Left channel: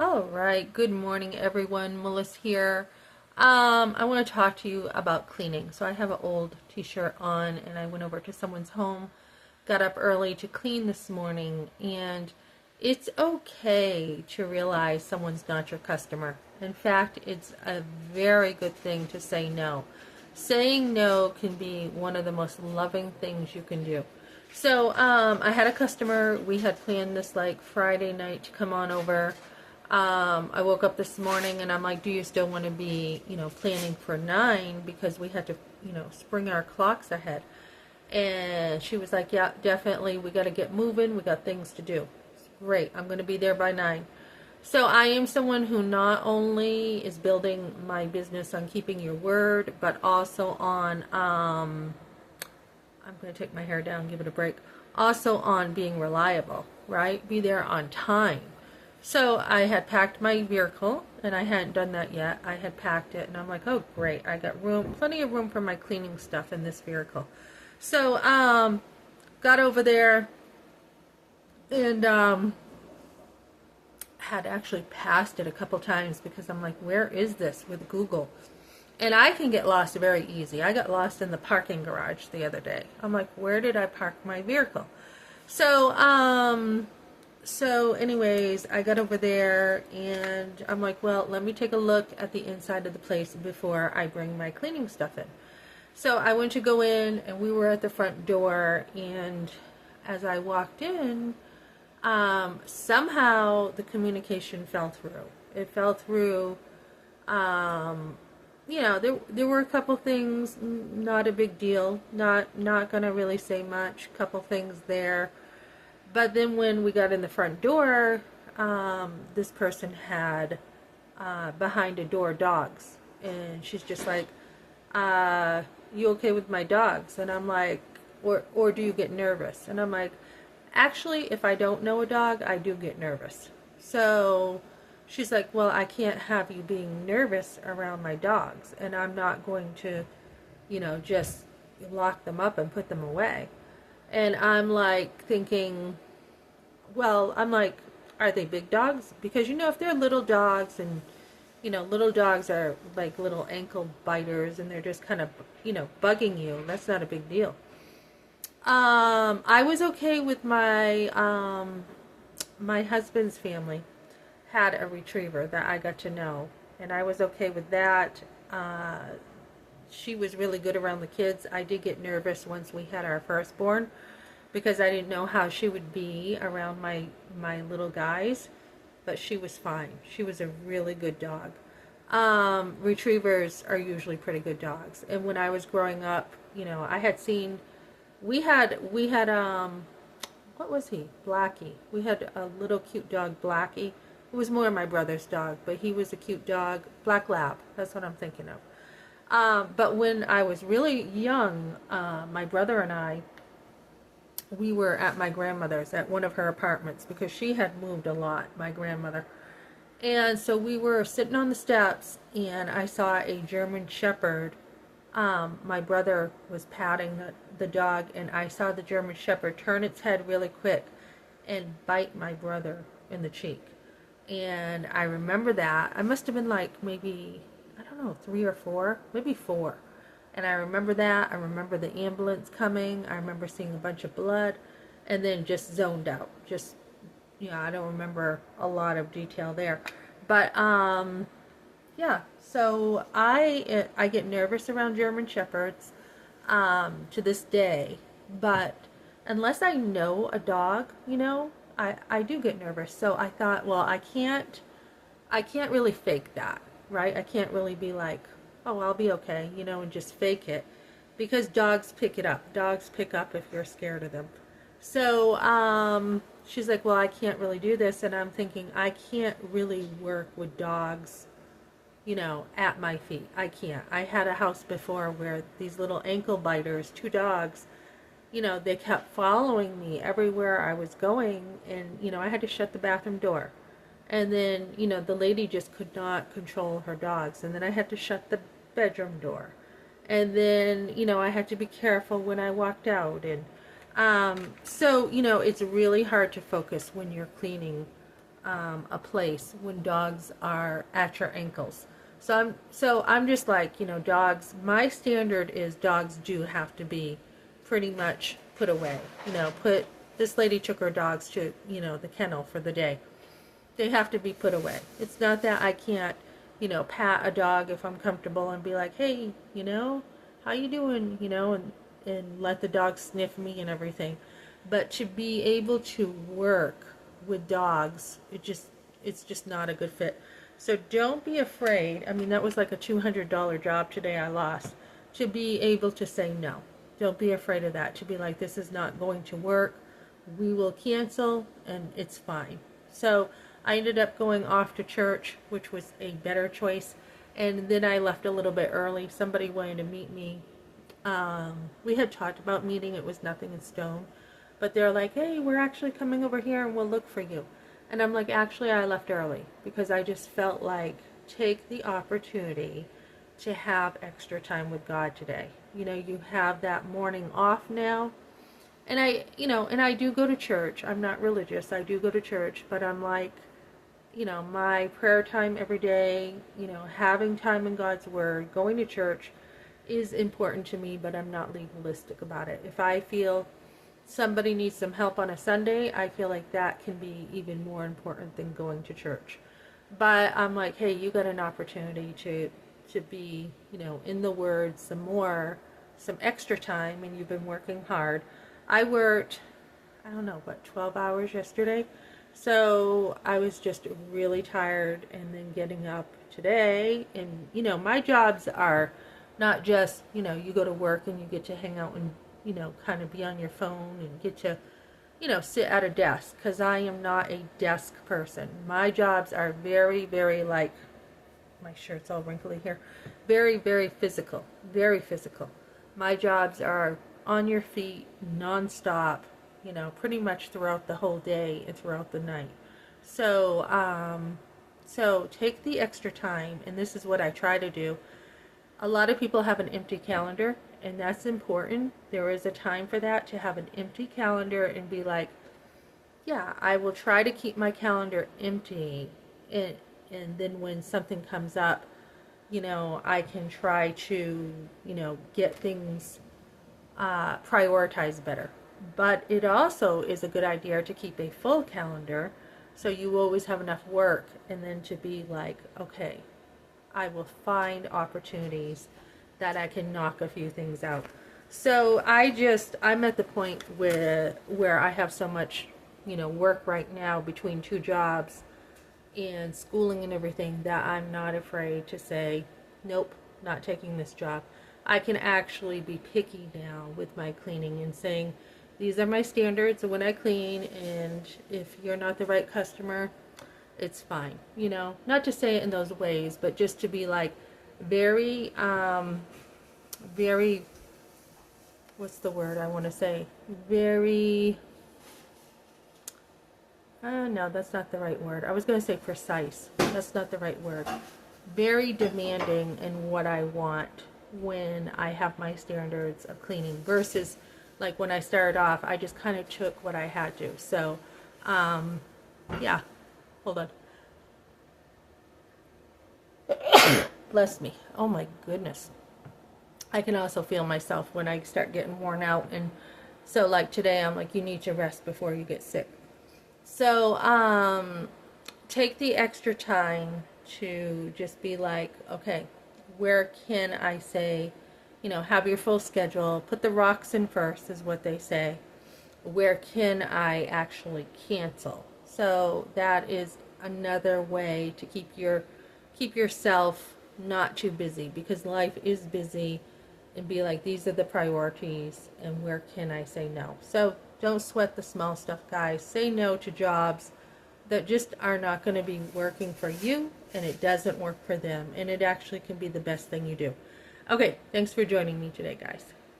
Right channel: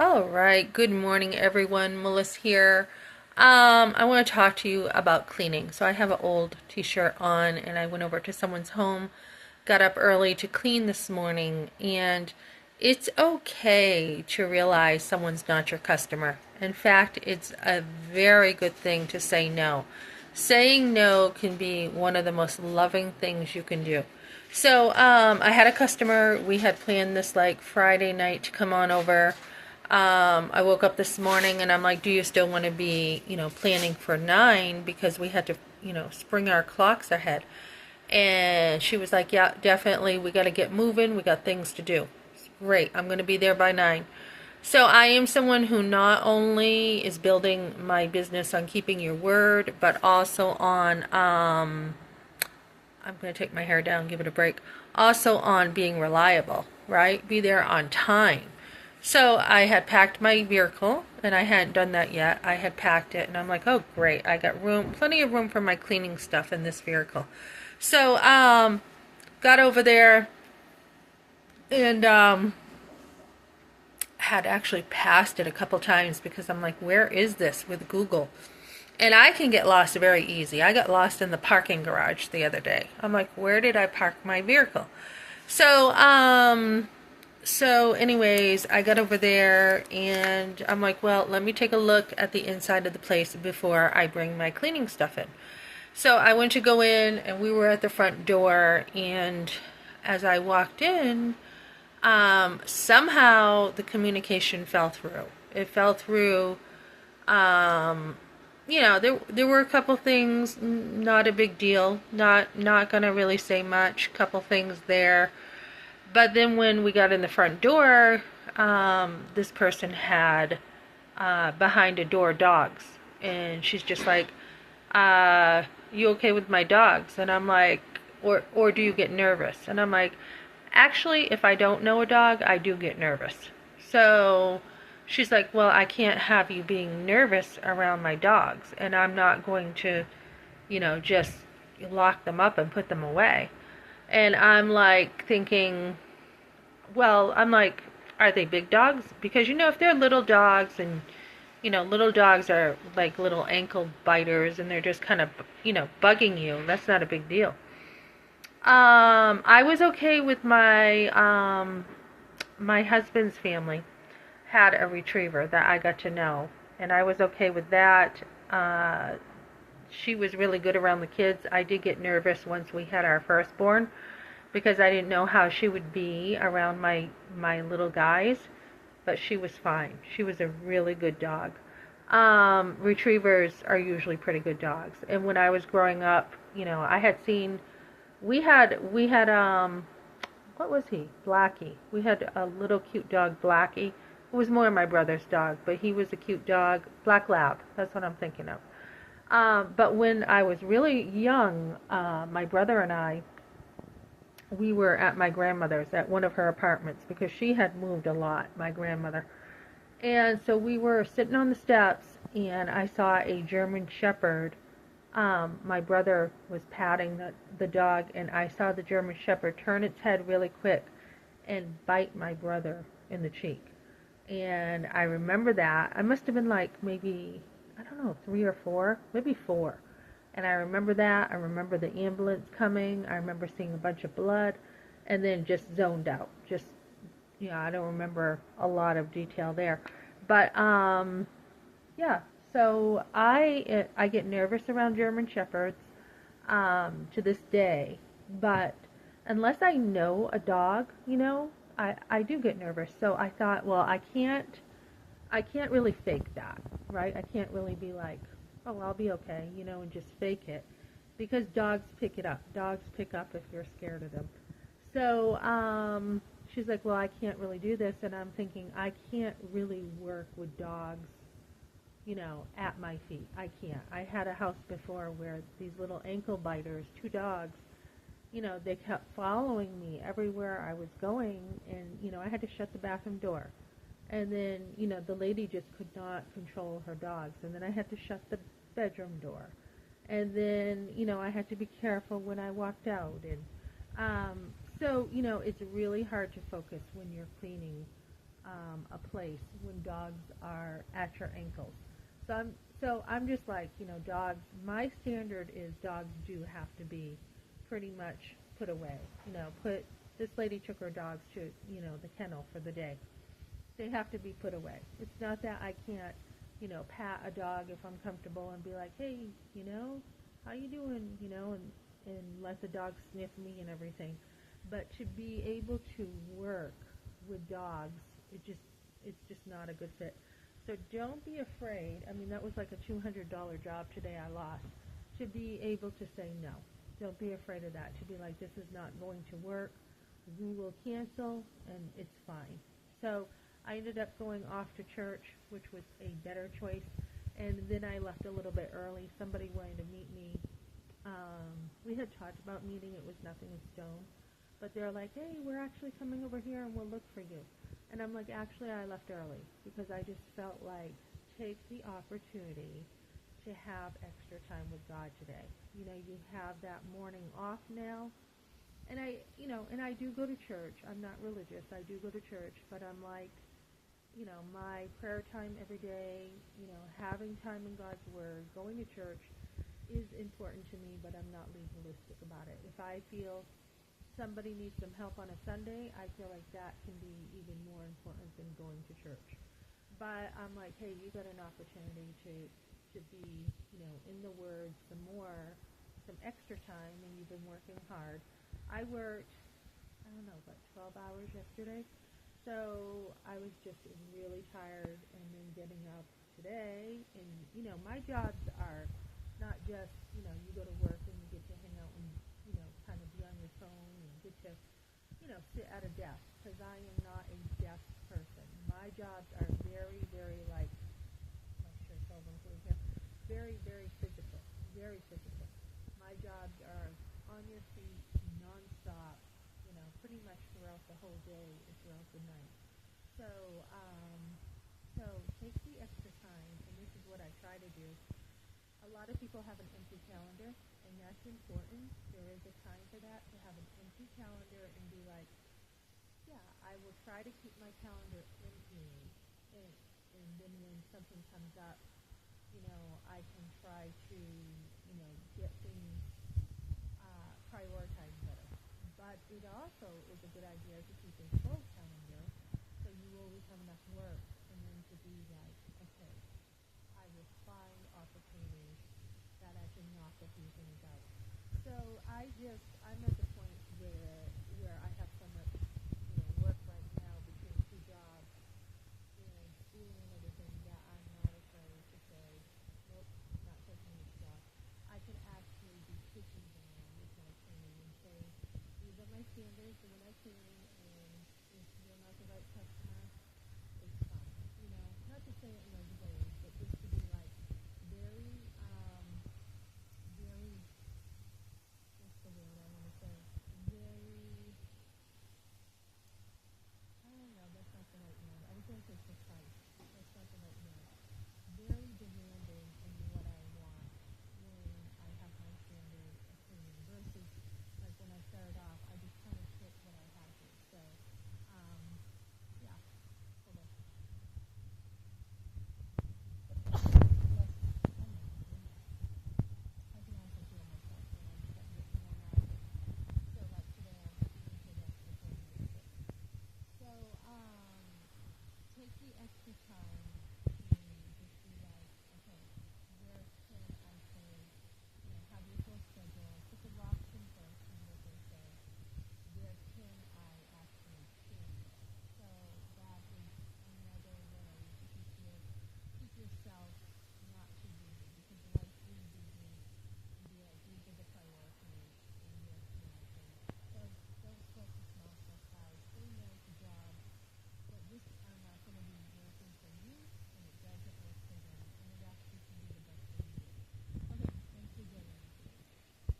All right, good morning, everyone. Melissa here. I want to talk to you about cleaning. So I have an old t-shirt on, and I went over to someone's home, got up early to clean this morning, and it's okay to realize someone's not your customer. In fact, it's a very good thing to say no. Saying no can be one of the most loving things you can do. So I had a customer. We had planned this like Friday night to come on over. I woke up this morning and I'm like, do you still want to be, planning for 9 because we had to, spring our clocks ahead. And she was like, yeah, definitely. We got to get moving. We got things to do. Great. I'm going to be there by 9. So I am someone who not only is building my business on keeping your word, but also on, I'm going to take my hair down, give it a break, also on being reliable, right? Be there on time. So I had packed my vehicle, and I hadn't done that yet. I had packed it, and I'm like, oh, great. I got room, plenty of room for my cleaning stuff in this vehicle. So, got over there and, had actually passed it a couple times because I'm like, where is this with Google? And I can get lost very easy. I got lost in the parking garage the other day. I'm like, where did I park my vehicle? So, anyways, I got over there and I'm like, well, let me take a look at the inside of the place before I bring my cleaning stuff in. So I went to go in and we were at the front door, and as I walked in, somehow the communication fell through. It fell through. Um, there were a couple things, not a big deal, not gonna really say much. Couple things there, but then when we got in the front door, this person had behind a door dogs, and she's just like, "You okay with my dogs?" And I'm like, "Or do you get nervous?" And I'm like, "Actually, if I don't know a dog, I do get nervous." So she's like, "Well, I can't have you being nervous around my dogs, and I'm not going to, just lock them up and put them away." And I'm like thinking, well, I'm like, are they big dogs? Because if they're little dogs, and little dogs are like little ankle biters and they're just kind of, bugging you, that's not a big deal. I was okay with my husband's family had a retriever that I got to know, and I was okay with that. She was really good around the kids. I did get nervous once we had our firstborn because I didn't know how she would be around my little guys, but she was fine. She was a really good dog. Retrievers are usually pretty good dogs. And when I was growing up, I had seen, we had what was he? Blackie. We had a little cute dog, Blackie. It was more my brother's dog, but he was a cute dog. Black Lab. That's what I'm thinking of. But when I was really young, my brother and I, we were at my grandmother's at one of her apartments because she had moved a lot, my grandmother. And so we were sitting on the steps, and I saw a German Shepherd. My brother was patting the dog, and I saw the German Shepherd turn its head really quick and bite my brother in the cheek. And I remember that. I must have been like maybe, I don't know, 3 or 4, maybe 4. And I remember that. I remember the ambulance coming. I remember seeing a bunch of blood, and then just zoned out. Just, I don't remember a lot of detail there. But, yeah. So I get nervous around German Shepherds, to this day. But unless I know a dog, I do get nervous. So I thought, well, I can't really fake that, right? I can't really be like, oh, I'll be okay, and just fake it, because dogs pick it up. Dogs pick up if you're scared of them. So she's like, well, I can't really do this, and I'm thinking, I can't really work with dogs, at my feet. I can't. I had a house before where these little ankle biters, 2 dogs, they kept following me everywhere I was going, and I had to shut the bathroom door. And then, the lady just could not control her dogs. And then I had to shut the bedroom door. And then, I had to be careful when I walked out. And so, it's really hard to focus when you're cleaning a place when dogs are at your ankles. So I'm just like, dogs. My standard is dogs do have to be pretty much put away. Put this lady took her dogs to the kennel for the day. They have to be put away. It's not that I can't pat a dog if I'm comfortable and be like, hey, how you doing, and let the dog sniff me and everything. But to be able to work with dogs, it's just not a good fit. So don't be afraid. I mean, that was like a $200 job today I lost. To be able to say no. Don't be afraid of that. To be like, this is not going to work. We will cancel and it's fine. So I ended up going off to church, which was a better choice. And then I left a little bit early. Somebody wanted to meet me. We had talked about meeting. It was nothing in stone. But they're like, hey, we're actually coming over here and we'll look for you. And I'm like, actually, I left early because I just felt like take the opportunity to have extra time with God today. You have that morning off now. And I do go to church. I'm not religious. I do go to church, but I'm like, my prayer time every day, having time in God's Word, going to church is important to me, but I'm not legalistic about it. If I feel somebody needs some help on a Sunday, I feel like that can be even more important than going to church. But I'm like, hey, you got an opportunity to be, in the Word some extra time, and you've been working hard. I worked, I don't know, 12 hours yesterday. So I was just really tired, and then getting up today. And, my jobs are not just, you go to work and you get to hang out and, kind of be on your phone and get to, sit at a desk. Because I am not a desk person. My jobs are very, very like, my shirt's all wrinkly here, very, very physical. Very physical. My jobs are on your feet, nonstop, pretty much throughout the whole day and throughout the night. So, so take the extra time, and this is what I try to do. A lot of people have an empty calendar, and that's important. There is a time for that, to have an empty calendar and be like, yeah, I will try to keep my calendar empty, and then when something comes up, I can try to, get things prioritized better. But it also is a good idea to keep a full calendar so you always have enough work, and then to be like, okay, I will find opportunities that I can knock a few things out. So I'm at the point where I have so much, work right now between two jobs and schooling and everything, that I'm not afraid to say, nope, not taking this job. I can actually be picky now with my cleaning and saying, these are my standards when I clean, and if you're not the right customer, it's fine. Not to say it in those ways, but just to be like very, very, what's the word I want to say? Very, no, that's not the right word. I was going to say precise. That's not the right word. Very demanding in what I want when I have my standards of cleaning, versus like when I started off, I just kind of took what I had to. So, yeah, hold on. Bless me. Oh my goodness. I can also feel myself when I start getting worn out. And so like today, I'm like, you need to rest before you get sick. So, take the extra time to just be like, okay, where can I say, have your full schedule, put the rocks in first is what they say. Where can I actually cancel? So that is another way to keep yourself not too busy, because life is busy, and be like, these are the priorities, and where can I say no? So don't sweat the small stuff, guys. Say no to jobs that just are not going to be working for you, and it doesn't work for them, and it actually can be the best thing you do. Okay, thanks for joining me today, guys.